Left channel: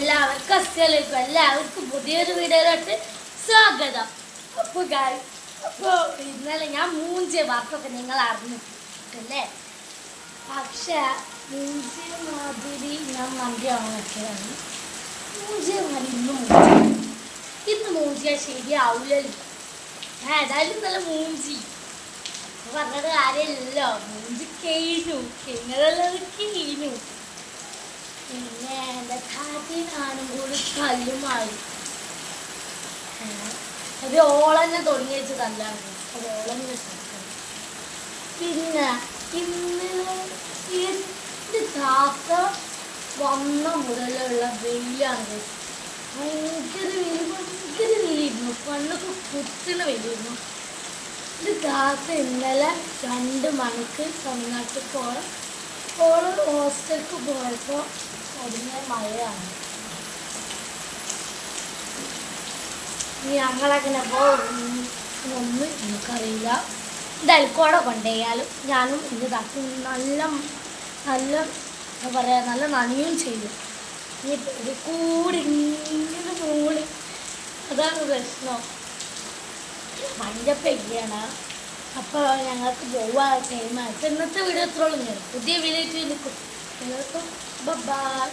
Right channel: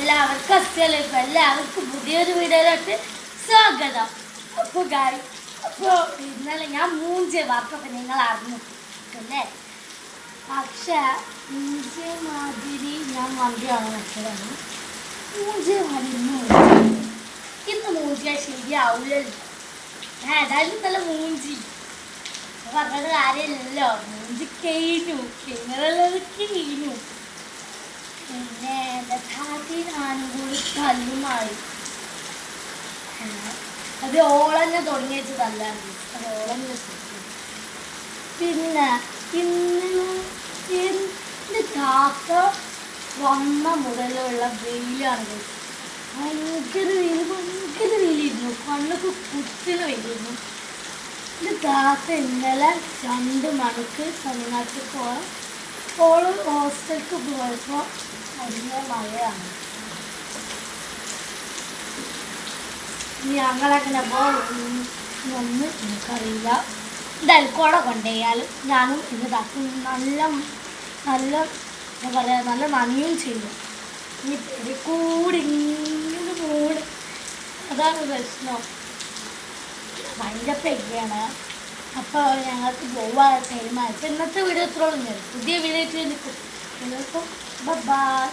എല്ലാവർക്കും പുതിയൊരു വീഡിയോയിലോട്ട് സ്വാഗതം. അപ്പോൾ ഇന്നലെ ഞാൻ മൂഞ്ചിയ വാർത്തയൊക്കെ നിങ്ങൾ അറിഞ്ഞിട്ടില്ലേ? പക്ഷേ മൂഞ്ചിയ മാതിരി ഞാൻ മന്തിയാണോ വെച്ചതാണ്. മൂഞ്ചിയ മാതിരി ഇന്ന് മൂഞ്ചിയാൽ ശരിയാവില്ലല്ലോ. ഞാൻ ഏതായാലും നല്ല മൂഞ്ചി പറഞ്ഞത് കാര്യമില്ലല്ലോ. മൂഞ്ചി കഴിഞ്ഞു, നിങ്ങളുള്ളതൊക്കെ കഴിഞ്ഞു. പിന്നെ എൻ്റെ കാട്ടി ഞാനും കൂടി കല്ലുമായി അത് ഓളന്നെ തുടങ്ങി വെച്ചതല്ലാണ്, അത് ഓളം വെച്ചിട്ട്. പിന്നെ ഇന്ന് കാക്ക വന്ന മുതലുള്ള വെയിലാണ്. ഭയങ്കര വെയിലിരുന്നു, കണ്ണൊക്കെ കുത്തുന്ന വെയിലിരുന്നു. ഇത് കാക്ക ഇന്നലെ 2 മണിക്ക് തമിഴ്നാട്ടിൽ പോകാൻ ഓള് ഹോസ്റ്റലിലേക്ക് പോയപ്പോൾ അടിഞ്ഞ മഴയാണ്. ഞങ്ങളങ്ങനെ പോകുന്നൊന്നും എനിക്കറിയില്ല. എന്തായാലും കുട കൊണ്ടുപോയാലും ഞാനും ഇന്ന് തട്ടി നല്ല നല്ല എന്താ പറയുക, നല്ല നന്ദിയും ചെയ്യും. ഈ പെരി കൂടി ഇങ്ങനെ മൂടി, അതാണ് പ്രശ്നം. ഭയങ്കര പെരിയാണ്. അപ്പോൾ ഞങ്ങൾക്ക് പോവാൻ ടൈമായി. ഇന്നത്തെ വീഡിയോ എത്രയോളം പുതിയ വീഡിയോ നിൽക്കും. എല്ലാവർക്കും ബൈ.